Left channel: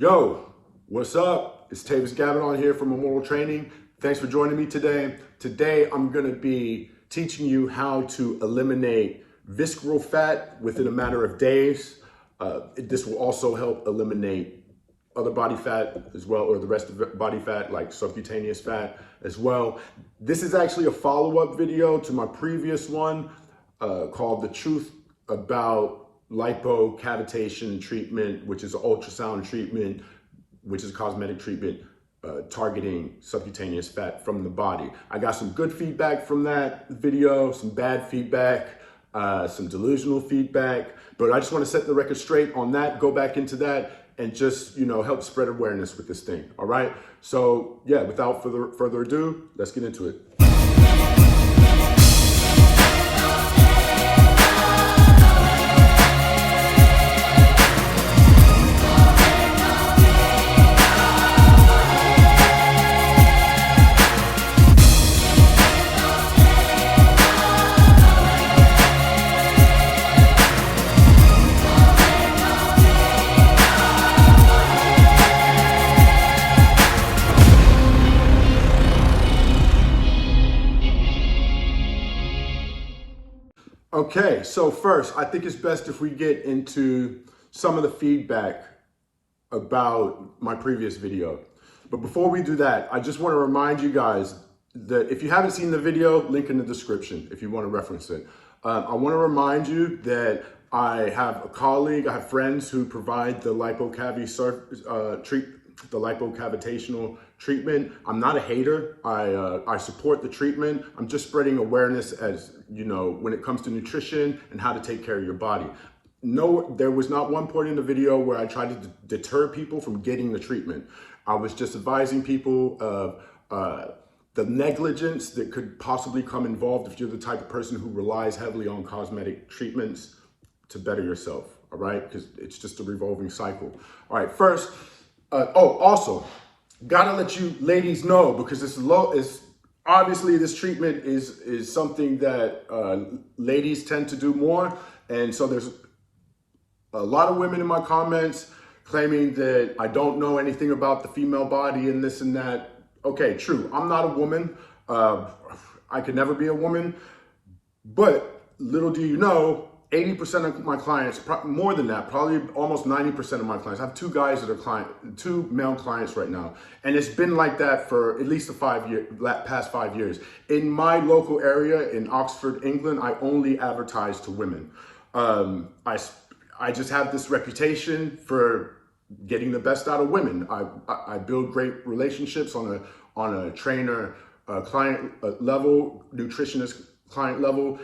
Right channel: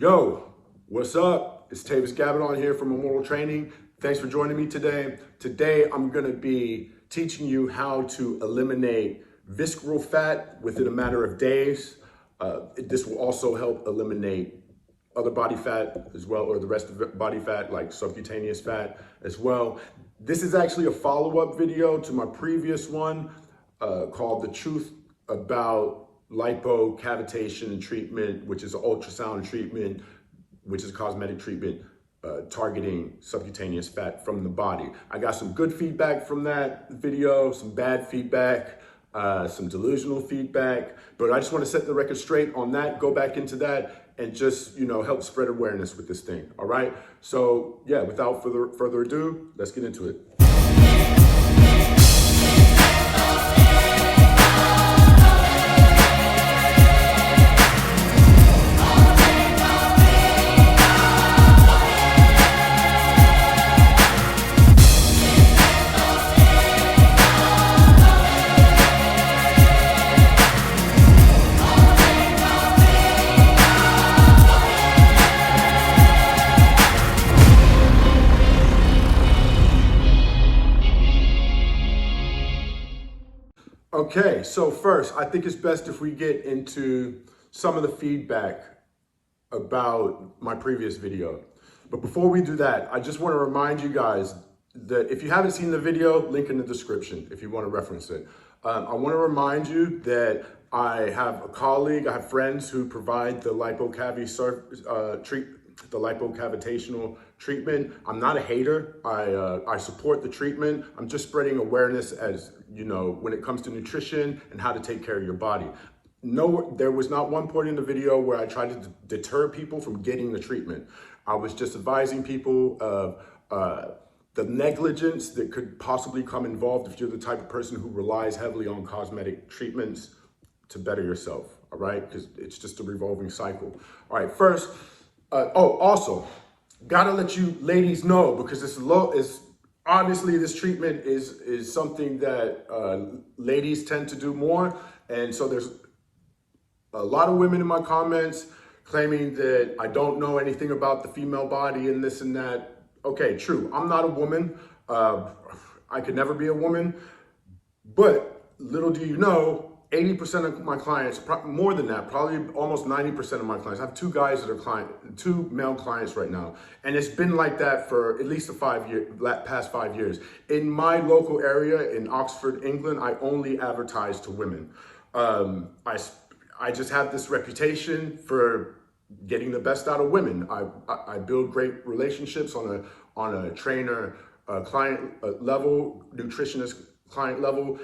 Yo, what's up? It's Tayvis Gabbidon here from Immortal Training. Thanks for joining me today. Today, I'm gonna be teaching you how to eliminate visceral fat within a matter of days. This will also help eliminate other body fat as well, or the rest of the body fat, like subcutaneous fat as well. This is actually a follow-up video to my previous one called The Truth About Lipo Cavitation Treatment, which is an ultrasound treatment, which is a cosmetic treatment targeting subcutaneous fat from the body. I got some good feedback from that video, some bad feedback, some delusional feedback, but I just want to set the record straight on that, go back into that, and just, help spread awareness with this thing, all right? So yeah, without further ado, let's get into it. Okay, so first, I think it's best if we get into some of the feedback about my previous video. But before we do that, I just want to remind you guys that if you haven't seen the video, link in the description if you want to reference it. I want to remind you that I have a colleague, I have friends who provide the lipocavitational treatment. I'm not a hater. I support the treatment. I'm just spreading awareness as, when it comes to nutrition and how to take care of your body. No, there was not one point in the video where I tried to deter people from getting the treatment. I was just advising people of the negligence that could possibly come involved if you're the type of person who relies heavily on cosmetic treatments to better yourself, all right? Because it's just a revolving cycle. All right, first, also, gotta let you ladies know, because obviously this treatment is something that ladies tend to do more. And so there's a lot of women in my comments claiming that I don't know anything about the female body and this and that. Okay, true, I'm not a woman. I could never be a woman, but little do you know, 80% of my clients, more than that, probably almost 90% of my clients. I have two male clients right now. And it's been like that for at least the past 5 years. In my local area in Oxford, England, I only advertise to women. I just have this reputation for getting the best out of women. I build great relationships on a trainer, client level, nutritionist client level.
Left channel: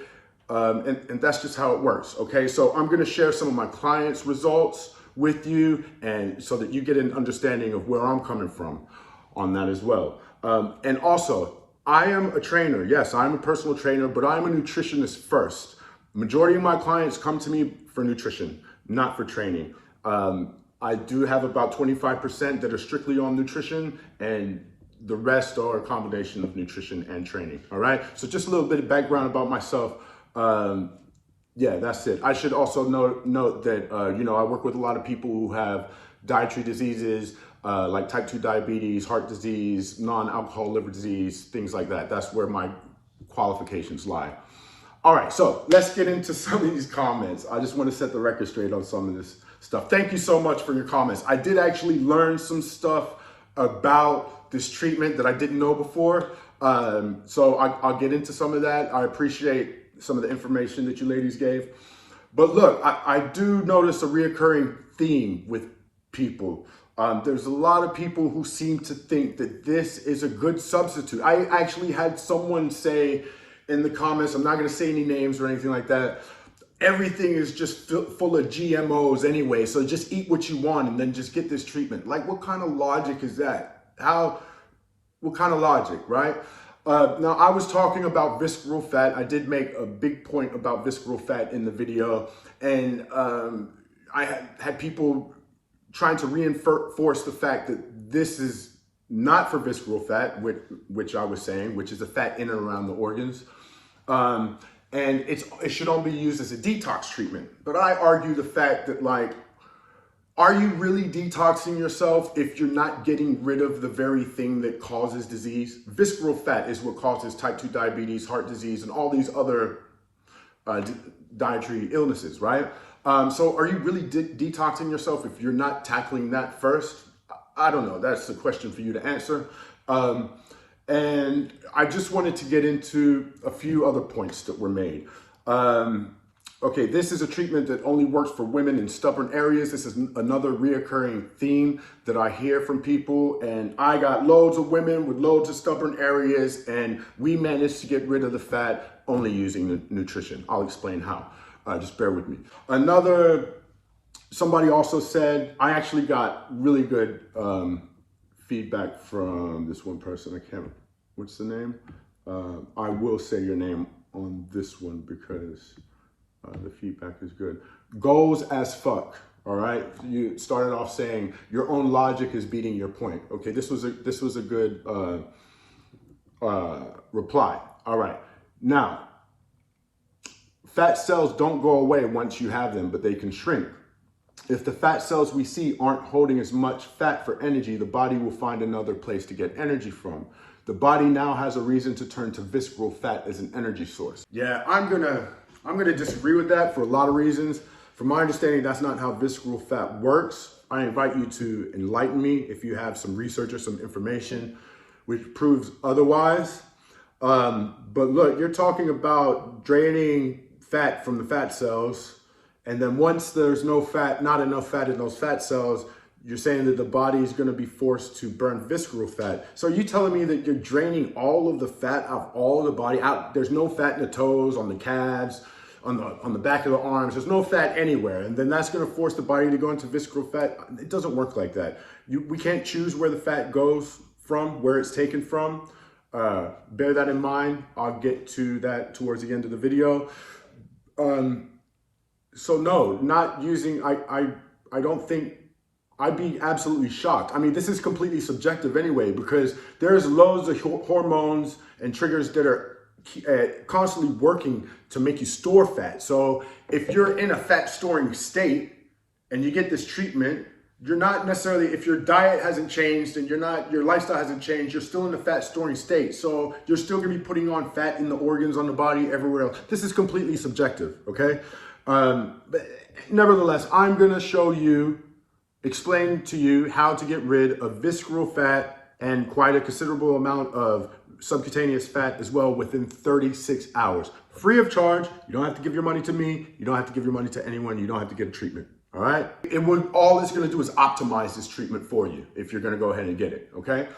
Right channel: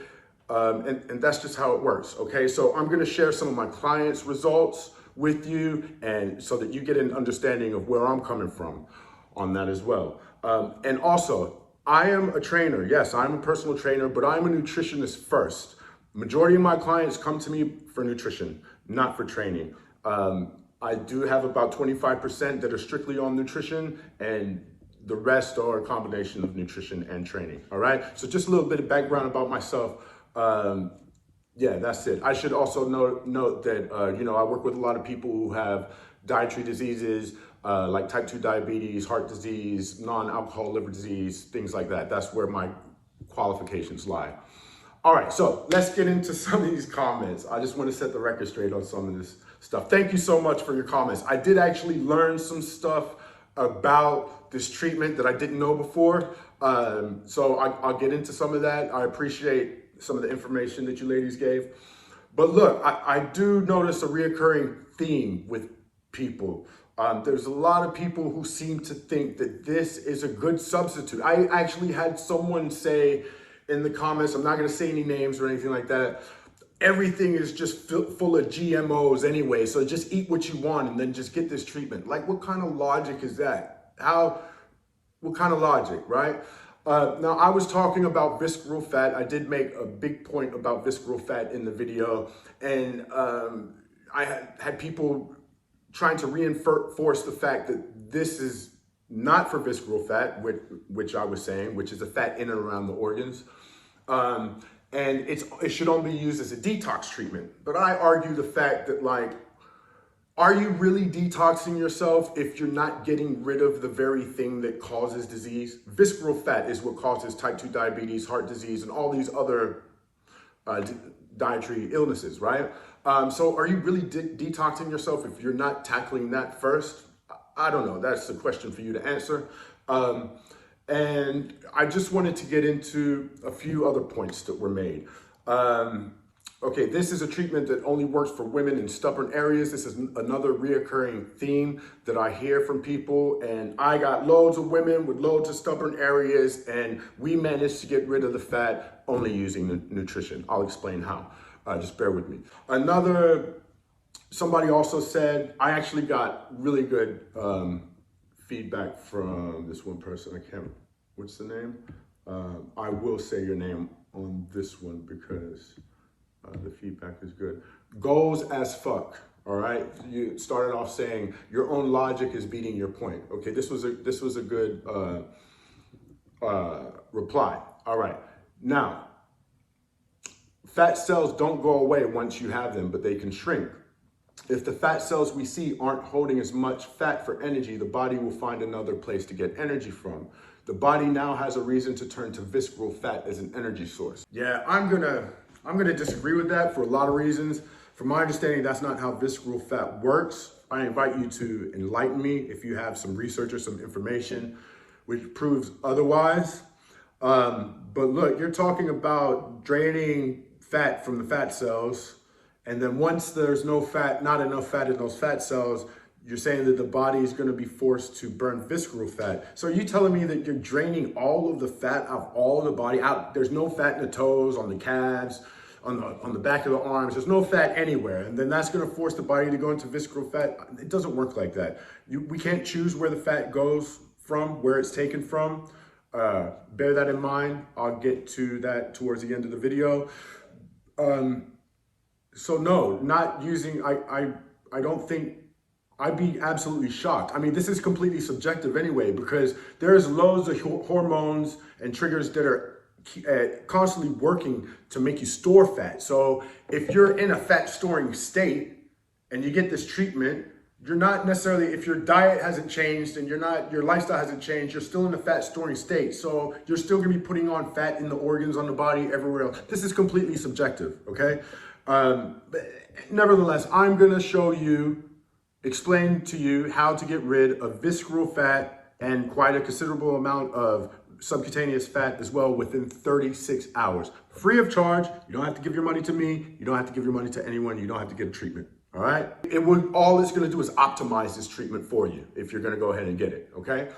And that's just how it works, okay? So I'm gonna share some of my clients' results with you, and so that you get an understanding of where I'm coming from on that as well. And also, I am a trainer. Yes, I'm a personal trainer, but I'm a nutritionist first. Majority of my clients come to me for nutrition, not for training. I do have about 25% that are strictly on nutrition, and the rest are a combination of nutrition and training, all right? So just a little bit of background about myself. Yeah, that's it. I should also note that, I work with a lot of people who have dietary diseases, like type 2 diabetes, heart disease, non-alcohol liver disease, things like that. That's where my qualifications lie. All right, so let's get into some of these comments. I just want to set the record straight on some of this stuff. Thank you so much for your comments. I did actually learn some stuff about this treatment that I didn't know before. So I'll get into some of that. I appreciate some of the information that you ladies gave. But look, I do notice a reoccurring theme with people. There's a lot of people who seem to think that this is a good substitute. I actually had someone say in the comments, I'm not gonna say any names or anything like that, everything is just full of GMOs anyway, so just eat what you want and then just get this treatment. Like, what kind of logic is that? What kind of logic, right? Now, I was talking about visceral fat. I did make a big point about visceral fat in the video, and I had people trying to reinforce the fact that this is not for visceral fat, which I was saying, which is the fat in and around the organs. And it should only be used as a detox treatment. But I argue the fact that, like, Are you really detoxing yourself if you're not getting rid of the very thing that causes disease? Visceral fat is what causes type 2 diabetes, heart disease, and all these other dietary illnesses, right? So are you really detoxing yourself if you're not tackling that first? I don't know. That's a question for you to answer. And I just wanted to get into a few other points that were made. Okay, this is a treatment that only works for women in stubborn areas. This is another reoccurring theme that I hear from people. And I got loads of women with loads of stubborn areas, and we managed to get rid of the fat only using nutrition. I'll explain how. Just bear with me. Somebody also said, I actually got really good feedback from this one person. What's the name? I will say your name on this one because the feedback is good. Goals as fuck. All right. You started off saying your own logic is beating your point. Okay. This was a good reply. All right. Now, fat cells don't go away once you have them, but they can shrink. If the fat cells we see aren't holding as much fat for energy, the body will find another place to get energy from. The body now has a reason to turn to visceral fat as an energy source. Yeah, I'm gonna disagree with that for a lot of reasons. From my understanding, that's not how visceral fat works. I invite you to enlighten me if you have some research or some information which proves otherwise. But look, you're talking about draining fat from the fat cells. And then once there's no fat, not enough fat in those fat cells, you're saying that the body is going to be forced to burn visceral fat. So are you telling me that you're draining all of the fat out of all of the body out? There's no fat in the toes, on the calves, on the back of the arms. There's no fat anywhere. And then that's going to force the body to go into visceral fat. It doesn't work like that. We can't choose where the fat goes from, where it's taken from. Bear that in mind. I'll get to that towards the end of the video. So no, not using, I don't think, I'd be absolutely shocked. I mean, this is completely subjective anyway, because there's loads of hormones and triggers that are constantly working to make you store fat. So if you're in a fat storing state and you get this treatment, you're not necessarily, if your diet hasn't changed and your lifestyle hasn't changed, you're still in a fat storing state. So you're still gonna be putting on fat in the organs, on the body, everywhere else. This is completely subjective, okay? But nevertheless, I'm gonna explain to you how to get rid of visceral fat and quite a considerable amount of subcutaneous fat as well within 36 hours. Free of charge. You don't have to give your money to me. You don't have to give your money to anyone. You don't have to get a treatment. All right. All it's going to do is optimize this treatment for you if you're going to go ahead and get it. Okay.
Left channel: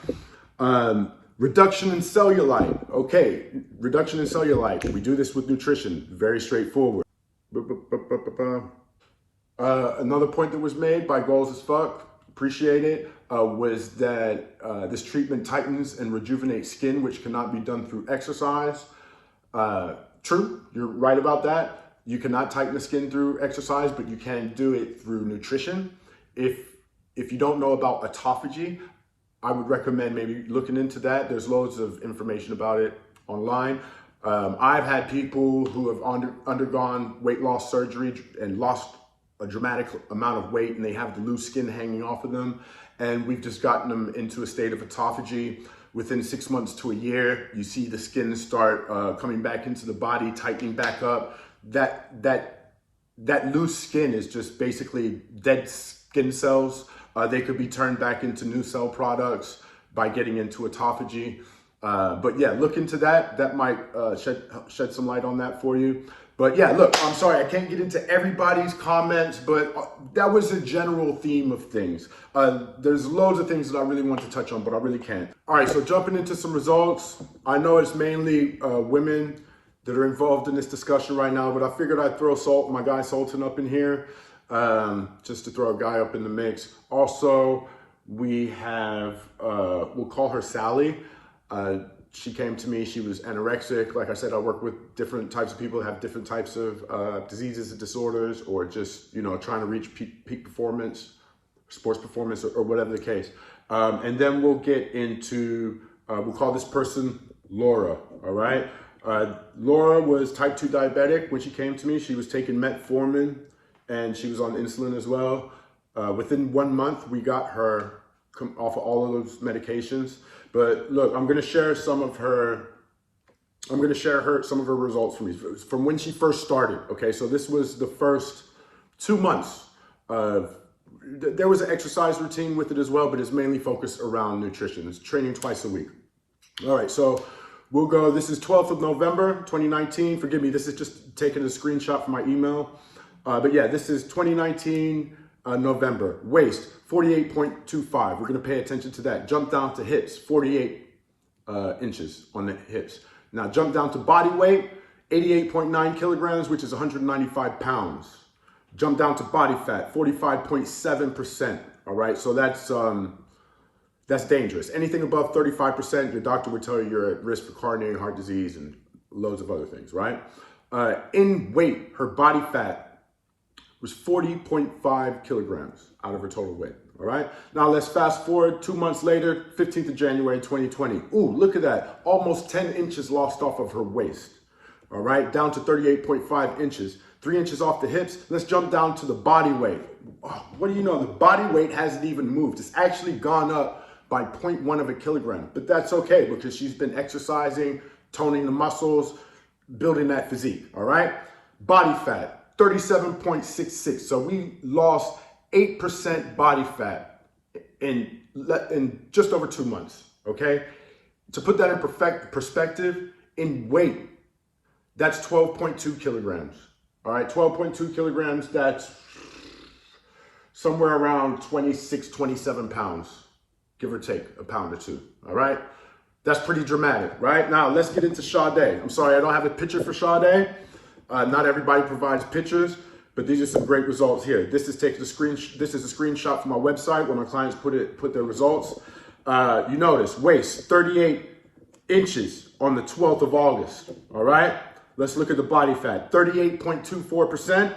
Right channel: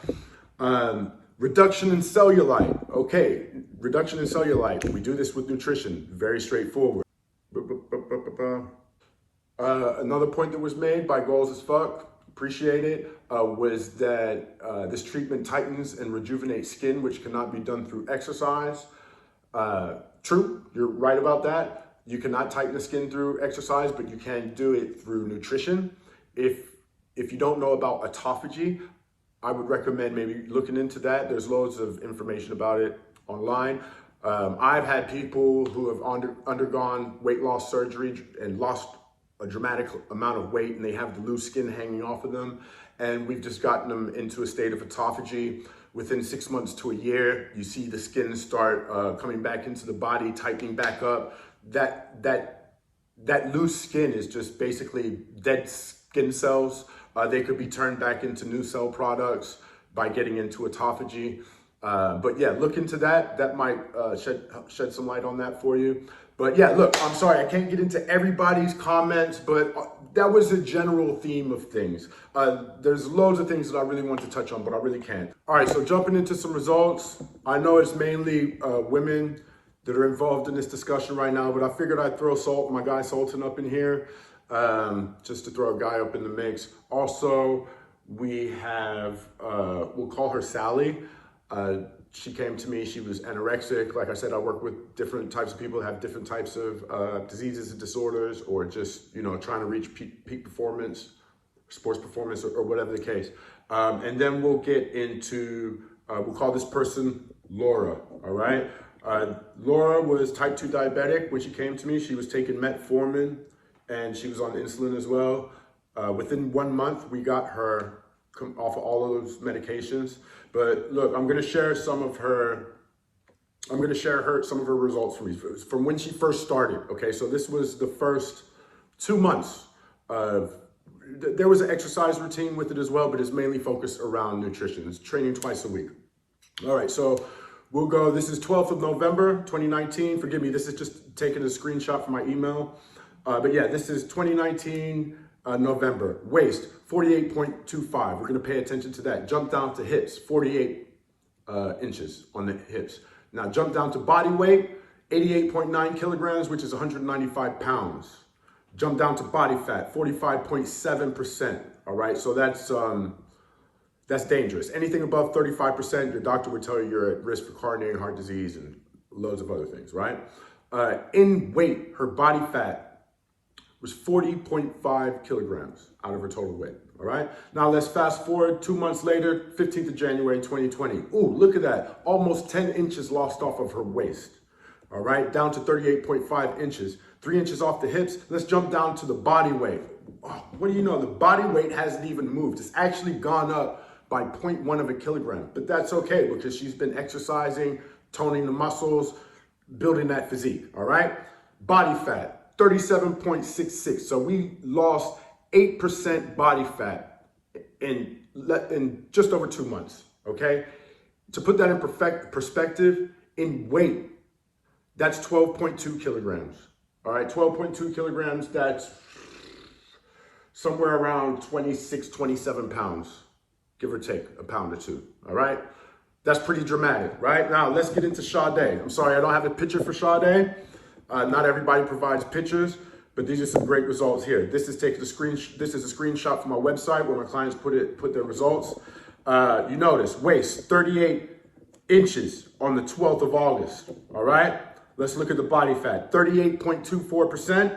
Reduction in cellulite. Okay. Reduction in cellulite. We do this with nutrition. Very straightforward. Another point that was made by Goals as Fuck, appreciate it, was that this treatment tightens and rejuvenates skin, which cannot be done through exercise. True, you're right about that. You cannot tighten the skin through exercise, but you can do it through nutrition. If you don't know about autophagy, I would recommend maybe looking into that. There's loads of information about it online. I've had people who have undergone weight loss surgery and lost a dramatic amount of weight, and they have the loose skin hanging off of them. And we've just gotten them into a state of autophagy. Within 6 months to a year, you see the skin start coming back into the body, tightening back up. That loose skin is just basically dead skin cells. They could be turned back into new cell products by getting into autophagy. But yeah, look into that. That might shed some light on that for you. But yeah, look, I'm sorry, I can't get into everybody's comments, but that was a general theme of things. There's loads of things that I really want to touch on, but I really can't. All right, so jumping into some results. I know it's mainly women that are involved in this discussion right now, but I figured I'd throw my guy Sultan up in here, just to throw a guy up in the mix. Also, we have, we'll call her Sally. She came to me, she was anorexic. Like I said, I work with different types of people that have different types of diseases and disorders, or just, trying to reach peak performance, sports performance, or whatever the case. And then we'll get into, we'll call this person Laura, all right? Laura was type 2 diabetic when she came to me. She was taking metformin and she was on insulin as well. Within 1 month, we got her off of all of those medications. But look, I'm going to share some of her results from when she first started. Okay, so this was the first 2 months of, there was an exercise routine with it as well, but it's mainly focused around nutrition. It's training twice a week. All right, so we'll go, this is 12th of November, 2019. Forgive me, this is just taking a screenshot from my email. But yeah, this is 2019 November. Waist, 48.25. We're gonna pay attention to that. Jump down to hips, 48 inches on the hips. Now jump down to body weight, 88.9 kilograms, which is 195 pounds. Jump down to body fat, 45.7%. All right, so that's dangerous. Anything above 35%, your doctor would tell you you're at risk for coronary heart disease and loads of other things, right? In weight, her body fat was 40.5 kilograms out of her total weight, all right? Now let's fast forward 2 months later, 15th of January, 2020. Ooh, look at that. Almost 10 inches lost off of her waist, all right? Down to 38.5 inches, 3 inches off the hips. Let's jump down to the body weight. Oh, what do you know? The body weight hasn't even moved. It's actually gone up by 0.1 of a kilogram, but that's okay because she's been exercising, toning the muscles, building that physique, all right? Body fat, 37.66. So we lost 8% body fat in just over 2 months, okay? To put that in perspective, in weight, that's 12.2 kilograms, all right? 12.2 kilograms, that's somewhere around 26, 27 pounds, give or take a pound or two, all right? That's pretty dramatic, right? Now, let's get into Sade. I'm sorry, I don't have a picture for Sade. Not everybody provides pictures, but these are some great results here. This is taking this is a screenshot from my website where my clients put their results. You notice waist 38 inches on the 12th of August. All right. Let's look at the body fat, 38.24%.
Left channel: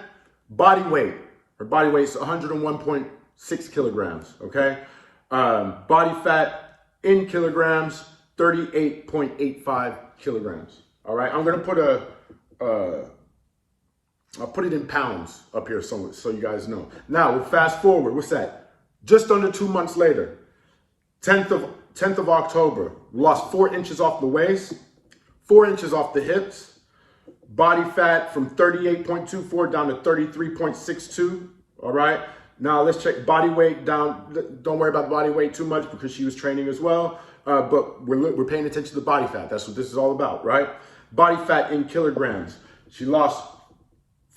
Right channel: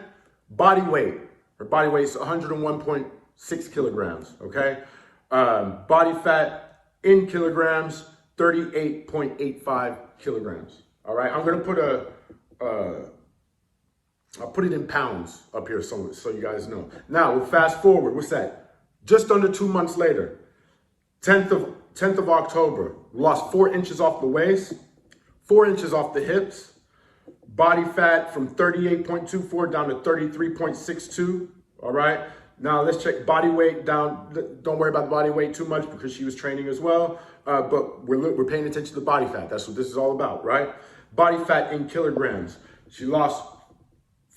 Body weight, her body weight is 101.6 kilograms. Okay. Body fat in kilograms, 38.85 kilograms. All right. I'm gonna put I'll put it in pounds up here so you guys know. Now we'll fast forward. What's that? Just under 2 months later, 10th of October, we lost 4 inches off the waist, 4 inches off the hips, body fat from 38.24 down to 33.62. All right. Now let's check body weight down. Don't worry about the body weight too much because she was training as well. But we're paying attention to the body fat. That's what this is all about, right? Body fat in kilograms. She lost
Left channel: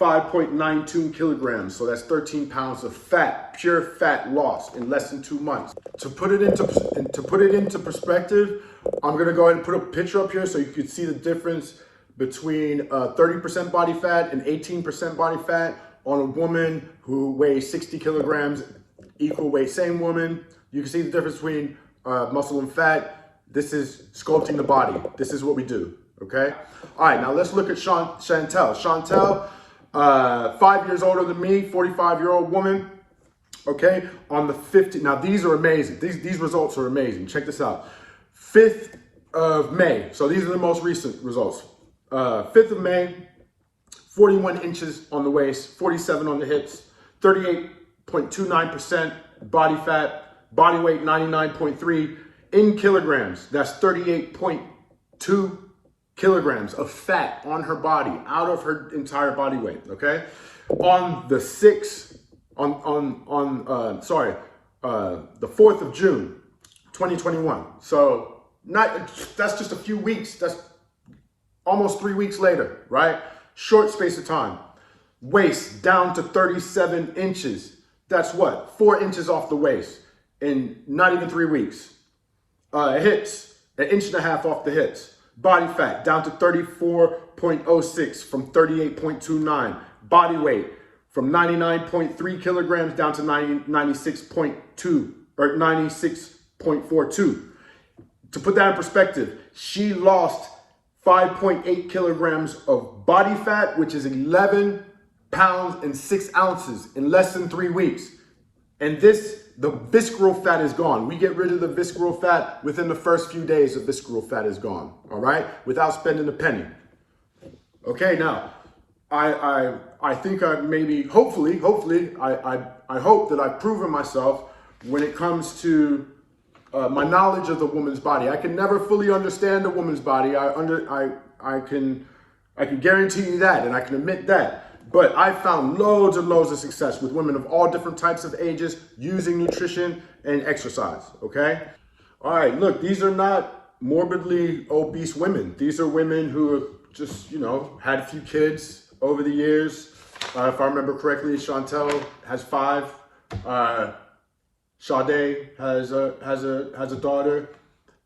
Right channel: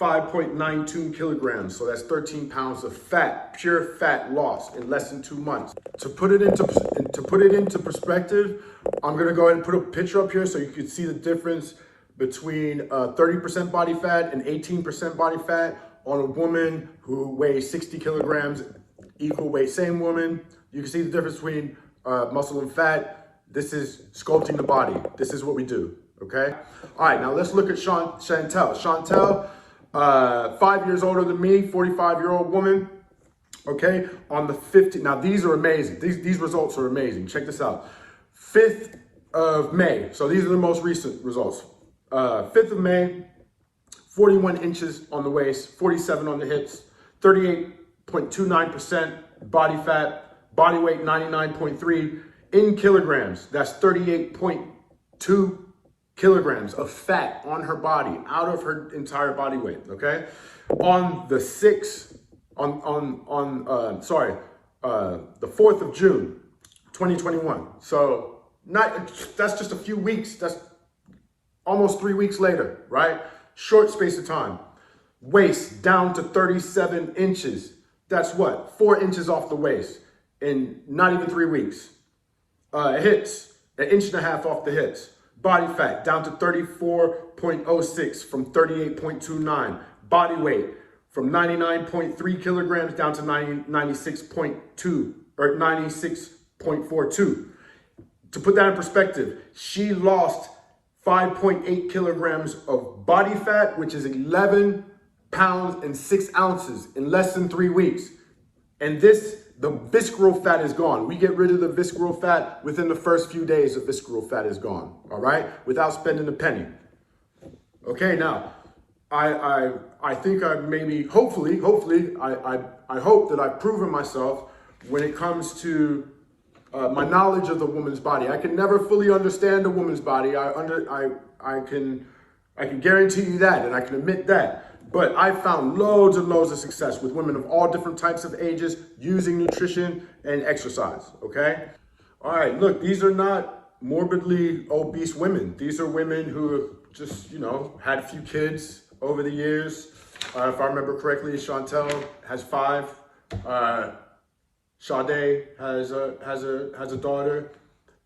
5.92 kilograms. So that's 13 pounds of fat, pure fat lost in less than 2 months. To put it into perspective, I'm gonna go ahead and put a picture up here so you can see the difference between 30% body fat and 18% body fat on a woman who weighs 60 kilograms, equal weight, same woman. You can see the difference between muscle and fat. This is sculpting the body. This is what we do, okay? All right, now let's look at Chantel. Chantel, 5 years older than me, 45-year-old woman, okay? On the 15th, now these are amazing. These results are amazing. Check this out. 5th of May, so these are the most recent results. 5th of May, 41 inches on the waist, 47 on the hips, 38.29% body fat, body weight 99.3 in kilograms. That's 38.2 kilograms of fat on her body, out of her entire body weight, okay? On the 6th, the 4th of June, 2021. So that's just a few weeks. That's almost 3 weeks later, right? Short space of time. Waist down to 37 inches. That's what? 4 inches off the waist in not even 3 weeks. Hips, 1.5 inches off the hips. Body fat down to 34.06 from 38.29. Body weight from 99.3 kilograms down to 96.2 or 96.42. To put that in perspective, she lost 5.8 kilograms of body fat, which is 11 pounds and 6 ounces in less than 3 weeks. And the visceral fat is gone. We get rid of the visceral fat within the first few days. The visceral fat is gone, all right? Without spending a penny. Okay, now, I think I maybe, hopefully, I hope that I've proven myself when it comes to my knowledge of the woman's body. I can never fully understand a woman's body. I can guarantee you that, and I can admit that. But I've found loads and loads of success with women of all different types of ages using nutrition and exercise, okay? All right, look, these are not morbidly obese women. These are women who have just, you know, had a few kids over the years. If I remember correctly, Chantel has 5. Sade has a daughter,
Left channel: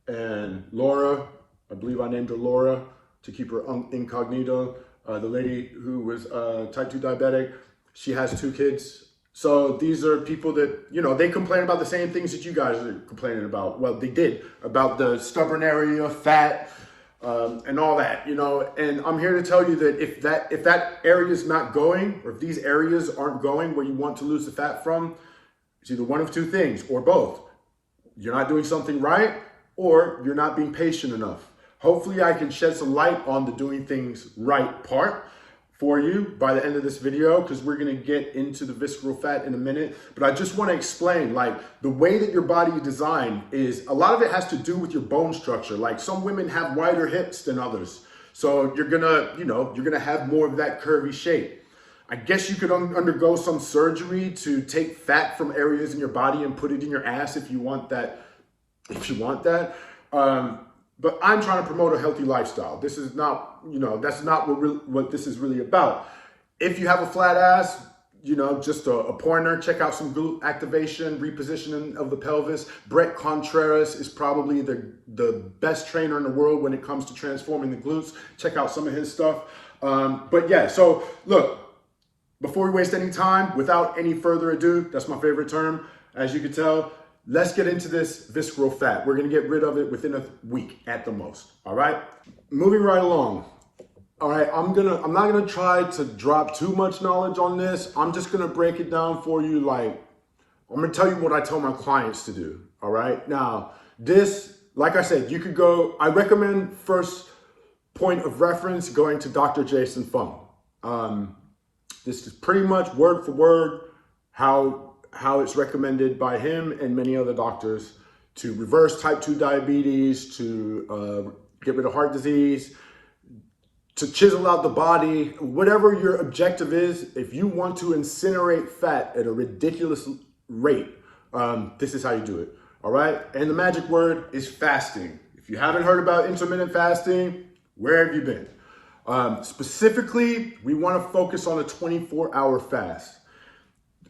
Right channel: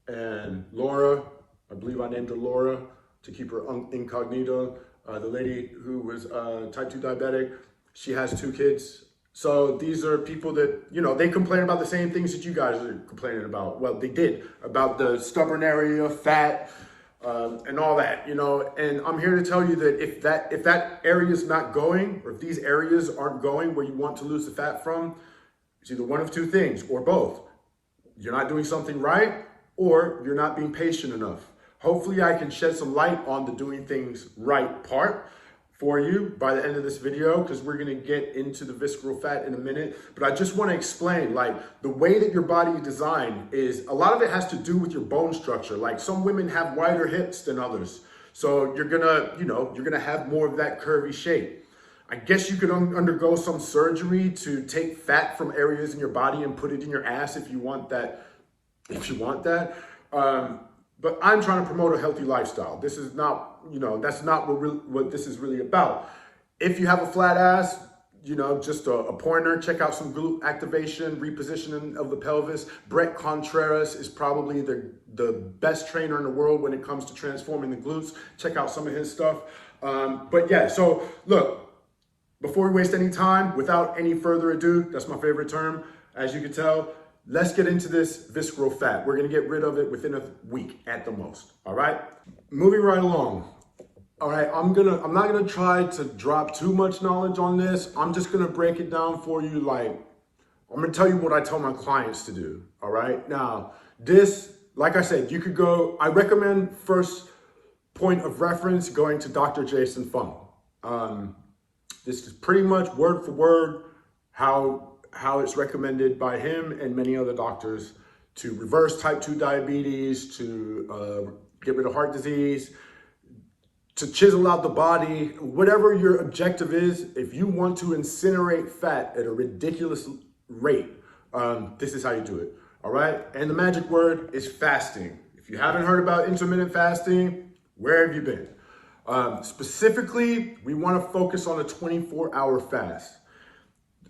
and Laura, I believe I named her Laura to keep her incognito. The lady who was type 2 diabetic, she has 2 kids. So these are people that, you know, they complain about the same things that you guys are complaining about. Well, they did, about the stubborn area, fat, and all that, you know. And I'm here to tell you that if that area is not going, or if these areas aren't going where you want to lose the fat from, it's either one of 2 things, or both. You're not doing something right, or you're not being patient enough. Hopefully I can shed some light on the doing things right part for you by the end of this video, because we're going to get into the visceral fat in a minute. But I just want to explain, like, the way that your body is designed is, a lot of it has to do with your bone structure. Like, some women have wider hips than others. So you're gonna, you know, you're gonna have more of that curvy shape. I guess you could undergo some surgery to take fat from areas in your body and put it in your ass if you want that, but I'm trying to promote a healthy lifestyle. This is not, you know, that's not what this is really about. If you have a flat ass, you know, just a pointer, check out some glute activation, repositioning of the pelvis. Brett Contreras is probably the best trainer in the world when it comes to transforming the glutes. Check out some of his stuff. But yeah, so look, before we waste any time, without any further ado, that's my favorite term, as you can tell, let's get into this visceral fat. We're gonna get rid of it within a week at the most, all right? Moving right along. All right, I'm not gonna try to drop too much knowledge on this. I'm just gonna break it down for you. Like, I'm gonna tell you what I tell my clients to do, all right? Now, this, like I said, you could go, I recommend first point of reference going to Dr. Jason Fung. This is pretty much word for word how it's recommended by him and many other doctors to reverse type 2 diabetes, to get rid of heart disease, to chisel out the body, whatever your objective is. If you want to incinerate fat at a ridiculous rate, this is how you do it, all right? And the magic word is fasting. If you haven't heard about intermittent fasting, where have you been? Specifically, we want to focus on a 24-hour fast.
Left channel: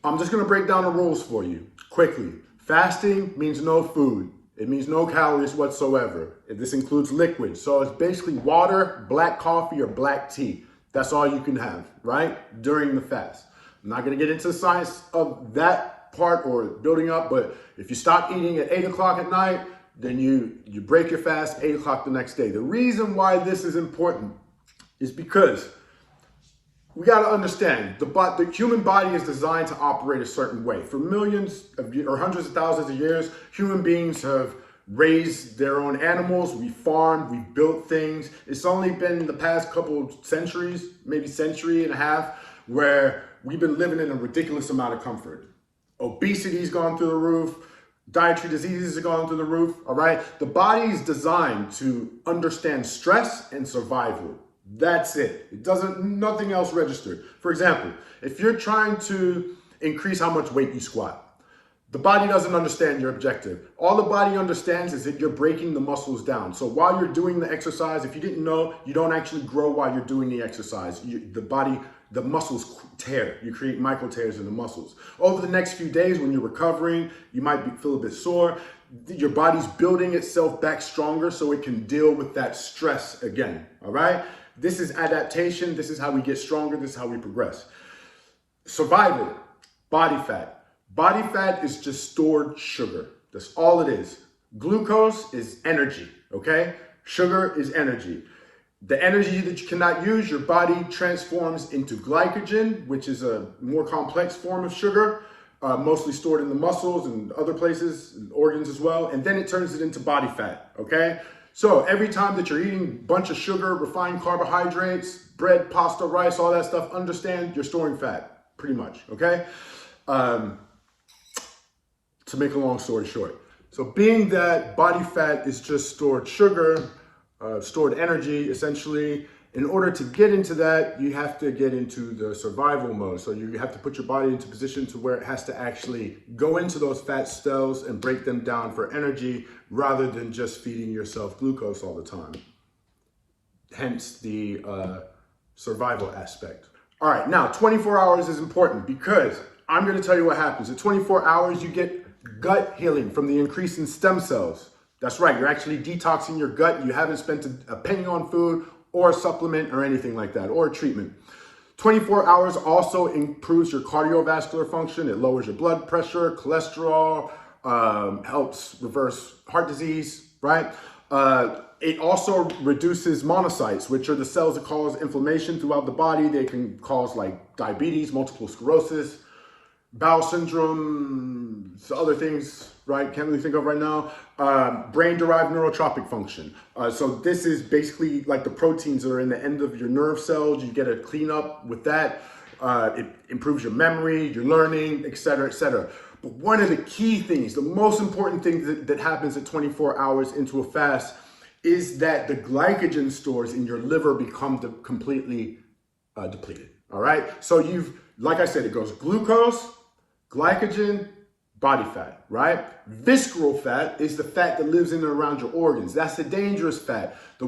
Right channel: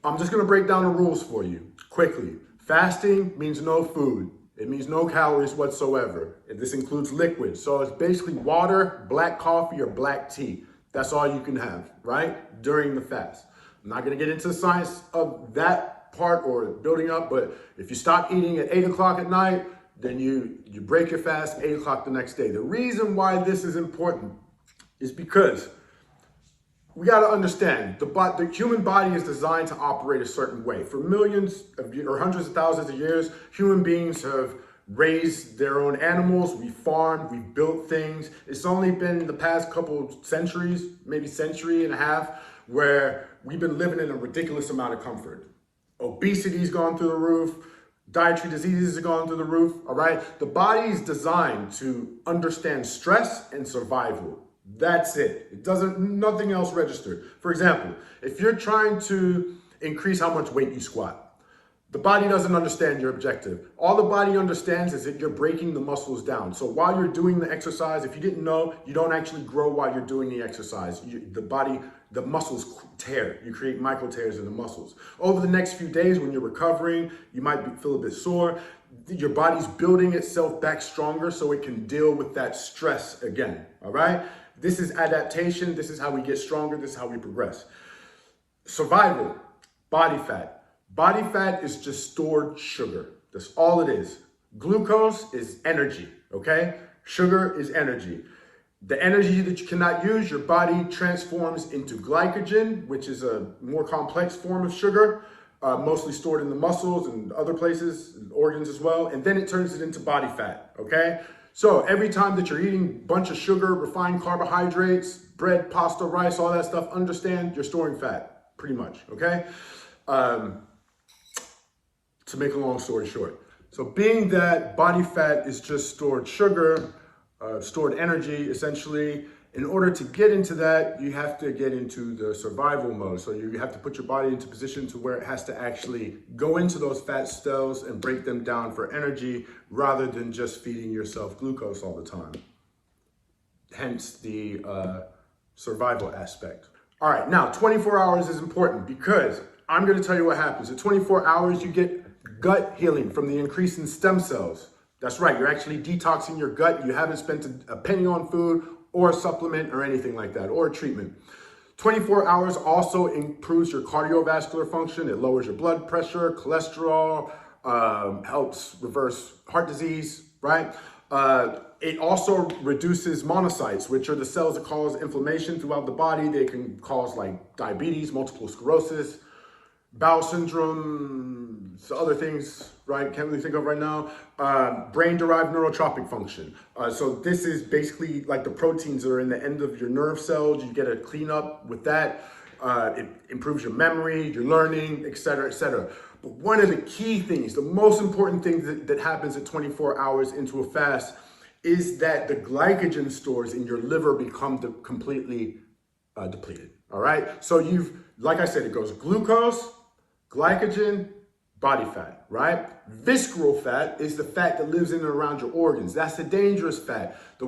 I'm just going to break down the rules for you quickly. Fasting means no food. It means no calories whatsoever. This includes liquid. So it's basically water, black coffee, or black tea. That's all you can have, right? During the fast. I'm not going to get into the science of that part or building up, but if you stop eating at 8 o'clock at night, then you break your fast 8 o'clock the next day. The reason why this is important is because we got to understand the human body is designed to operate a certain way. For millions of or hundreds of thousands of years, human beings have raised their own animals. We farmed, we built things. It's only been in the past couple centuries, maybe century and a half, where we've been living in a ridiculous amount of comfort. Obesity's gone through the roof. Dietary diseases have gone through the roof, all right? The body is designed to understand stress and survival. That's it. It doesn't, nothing else registered. For example, if you're trying to increase how much weight you squat, the body doesn't understand your objective. All the body understands is that you're breaking the muscles down. So while you're doing the exercise, if you didn't know, you don't actually grow while you're doing the exercise. The muscles tear. You create micro tears in the muscles. Over the next few days when you're recovering, you might feel a bit sore. Your body's building itself back stronger so it can deal with that stress again, all right? This is adaptation. This is how we get stronger. This is how we progress. Survival, body fat. Body fat is just stored sugar. That's all it is. Glucose is energy, okay? Sugar is energy. The energy that you cannot use, your body transforms into glycogen, which is a more complex form of sugar, mostly stored in the muscles and other places, and organs as well. And then it turns it into body fat, okay? So every time that you're eating a bunch of sugar, refined carbohydrates, bread, pasta, rice, all that stuff, understand you're storing fat, pretty much, okay? To make a long story short. So being that body fat is just stored sugar, stored energy, essentially, in order to get into that, you have to get into the survival mode. So you have to put your body into position to where it has to actually go into those fat cells and break them down for energy rather than just feeding yourself glucose all the time. Hence the survival aspect. All right, now 24 hours is important because I'm gonna tell you what happens. At 24 hours, you get gut healing from the increase in stem cells. That's right, you're actually detoxing your gut. You haven't spent a penny on food or a supplement or anything like that, or a treatment. 24 hours also improves your cardiovascular function. It lowers your blood pressure, cholesterol, helps reverse heart disease, right? It also reduces monocytes, which are the cells that cause inflammation throughout the body. They can cause like diabetes, multiple sclerosis, bowel syndrome, other things, right? Can't really think of right now. Brain-derived neurotropic function. So this is basically like the proteins that are in the end of your nerve cells. You get a cleanup with that. It improves your memory, your learning, et cetera, et cetera. But one of the key things, the most important thing that happens at 24 hours into a fast is that the glycogen stores in your liver become completely depleted, all right? So like I said, it goes glucose, glycogen, body fat, right? Visceral fat is the fat that lives in and around your organs. That's the dangerous fat. The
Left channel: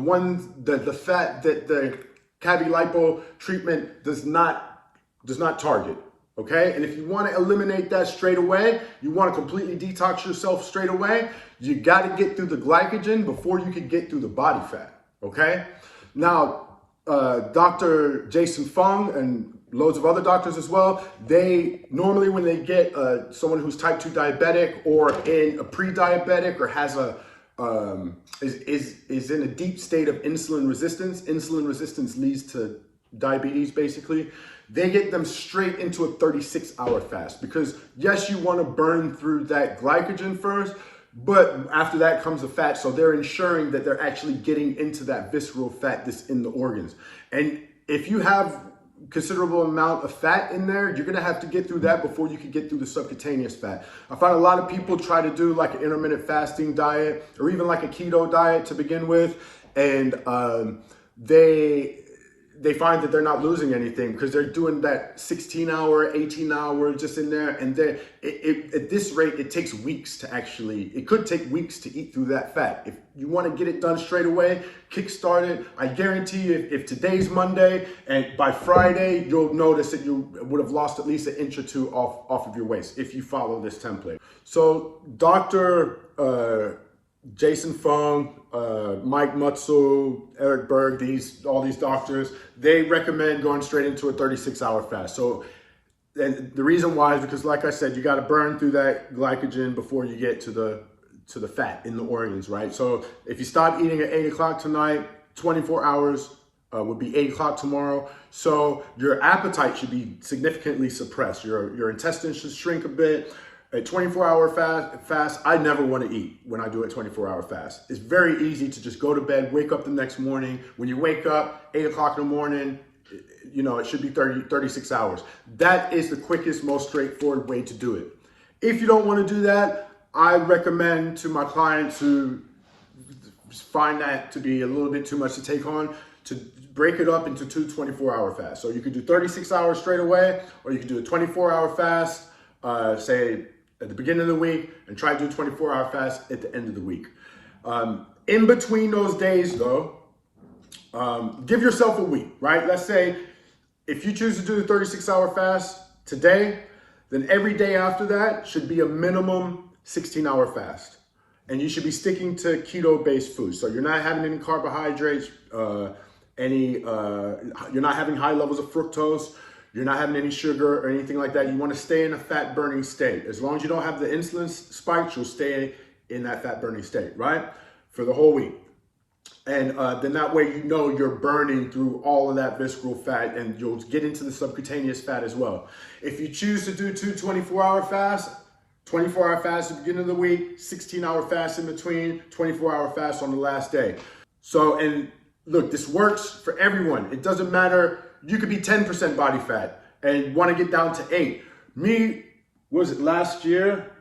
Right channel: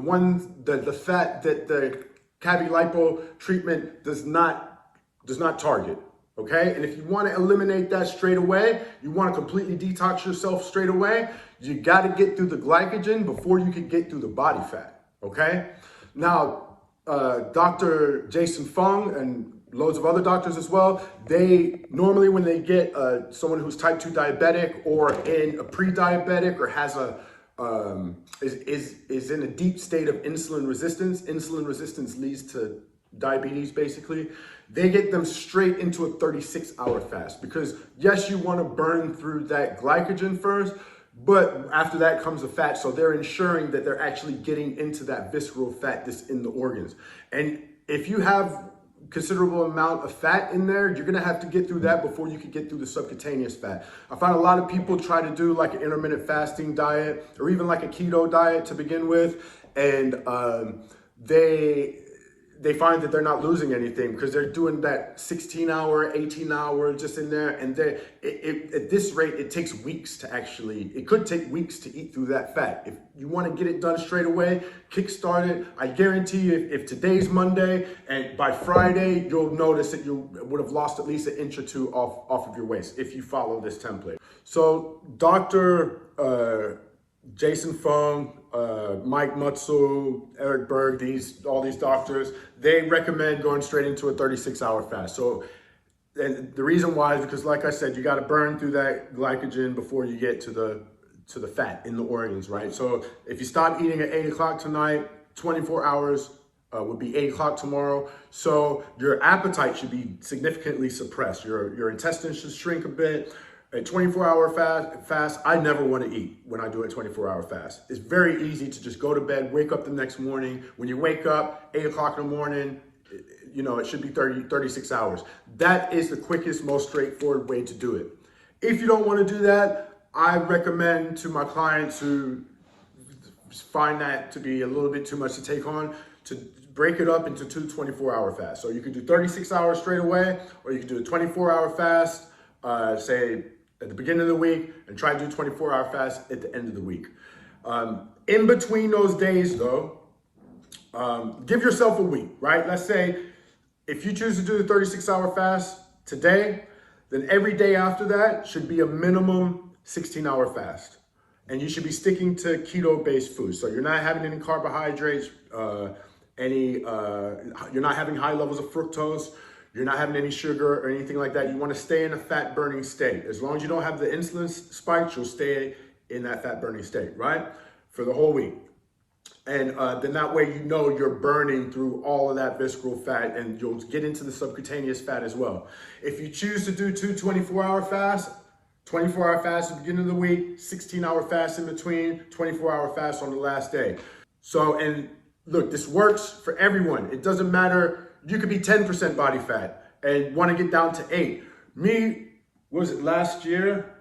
fat that the CaviLipo treatment does not target, okay? And if you want to eliminate that straight away, you want to completely detox yourself straight away, you got to get through the glycogen before you can get through the body fat, okay? Now, Dr. Jason Fung and loads of other doctors as well, they normally, when they get someone who's type 2 diabetic or in a pre-diabetic or has is in a deep state of insulin resistance leads to diabetes basically, they get them straight into a 36-hour fast because yes, you want to burn through that glycogen first, but after that comes the fat. So they're ensuring that they're actually getting into that visceral fat that's in the organs. And if you have considerable amount of fat in there, you're gonna have to get through that before you can get through the subcutaneous fat. I find a lot of people try to do like an intermittent fasting diet or even like a keto diet to begin with, and they find that they're not losing anything because they're doing that 16-hour, 18-hour just in there, and at this rate, it takes weeks to actually, it could take weeks to eat through that fat. If you want to get it done straight away, kickstart it. I guarantee you, if today's Monday and by Friday, you'll notice that you would have lost at least an inch or two off of your waist if you follow this template. So Dr. Jason Fung, Mike Mutzel, Eric Berg, all these doctors, they recommend going straight into a 36-hour fast. So and the reason why is because, like I said, you got to burn through that glycogen before you get to the fat in the organs, right? So if you stop eating at 8 o'clock tonight, 24 hours would be 8 o'clock tomorrow. So your appetite should be significantly suppressed. Your intestines should shrink a bit. A 24-hour fast, I never want to eat when I do a 24-hour fast. It's very easy to just go to bed, wake up the next morning. When you wake up, 8 o'clock in the morning, you know, it should be 36 hours. That is the quickest, most straightforward way to do it. If you don't want to do that, I recommend to my clients who find that to be a little bit too much to take on, to break it up into 2 24-hour fasts. So you can do 36 hours straight away, or you can do a 24-hour fast, say, at the beginning of the week, and try to do 24-hour fast at the end of the week. In between those days though, give yourself a week, right? Let's say if you choose to do the 36-hour fast today, then every day after that should be a minimum 16-hour fast. And you should be sticking to keto-based foods. So you're not having any carbohydrates, you're not having high levels of fructose, you're not having any sugar or anything like that. You want to stay in a fat burning state. As long as you don't have the insulin spikes, you'll stay in that fat burning state, right? For the whole week. And then that way, you know, you're burning through all of that visceral fat, and you'll get into the subcutaneous fat as well. If you choose to do 2 24-hour fasts, 24-hour fast at the beginning of the week, 16-hour fast in between, 24-hour fast on the last day. So, and look, this works for everyone. It doesn't matter. You could be 10% body fat and want to get down to 8. Me, what was it, last year?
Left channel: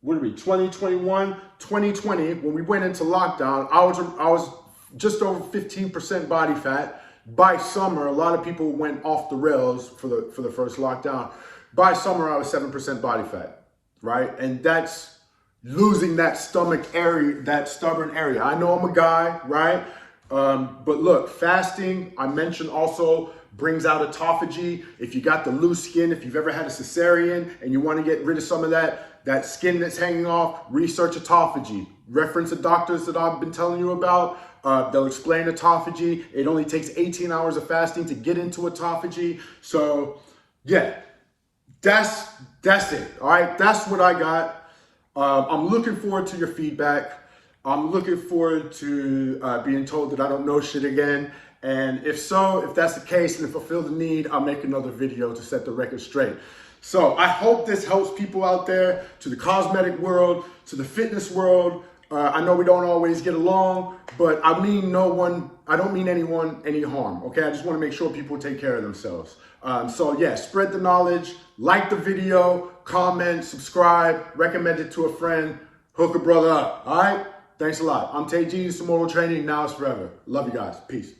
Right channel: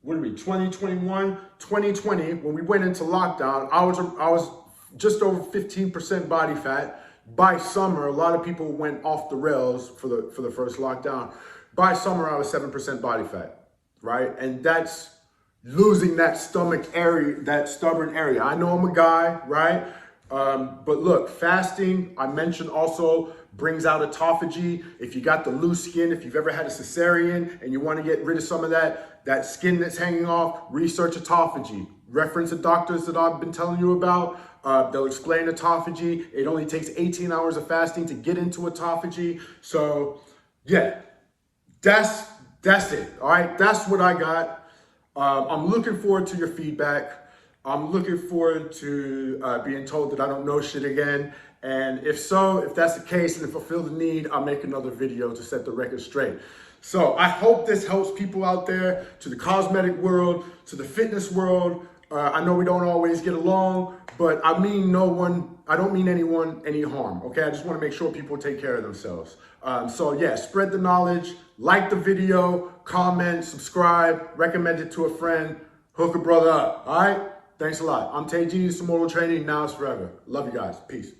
What did we, 2021, 2020, when we went into lockdown, I was just over 15% body fat. By summer, a lot of people went off the rails for the first lockdown. By summer, I was 7% body fat, right? And that's losing that stomach area, that stubborn area. I know I'm a guy, right? But look, fasting, I mentioned also, brings out autophagy. If you got the loose skin, if you've ever had a cesarean and you want to get rid of some of that skin that's hanging off, research autophagy. Reference the doctors that I've been telling you about. They'll explain autophagy. It only takes 18 hours of fasting to get into autophagy. So yeah, that's it. All right, that's what I got. I'm looking forward to your feedback. I'm looking forward to being told that I don't know shit again. And if that's the case, and if I feel the need, I'll make another video to set the record straight. So I hope this helps people out there, to the cosmetic world, to the fitness world. I know we don't always get along, but I don't mean anyone any harm, okay? I just want to make sure people take care of themselves. So yeah, spread the knowledge, like the video, comment, subscribe, recommend it to a friend, hook a brother up, all right? Thanks a lot. I'm Tayvis from Training. Now it's forever. Love you guys. Peace.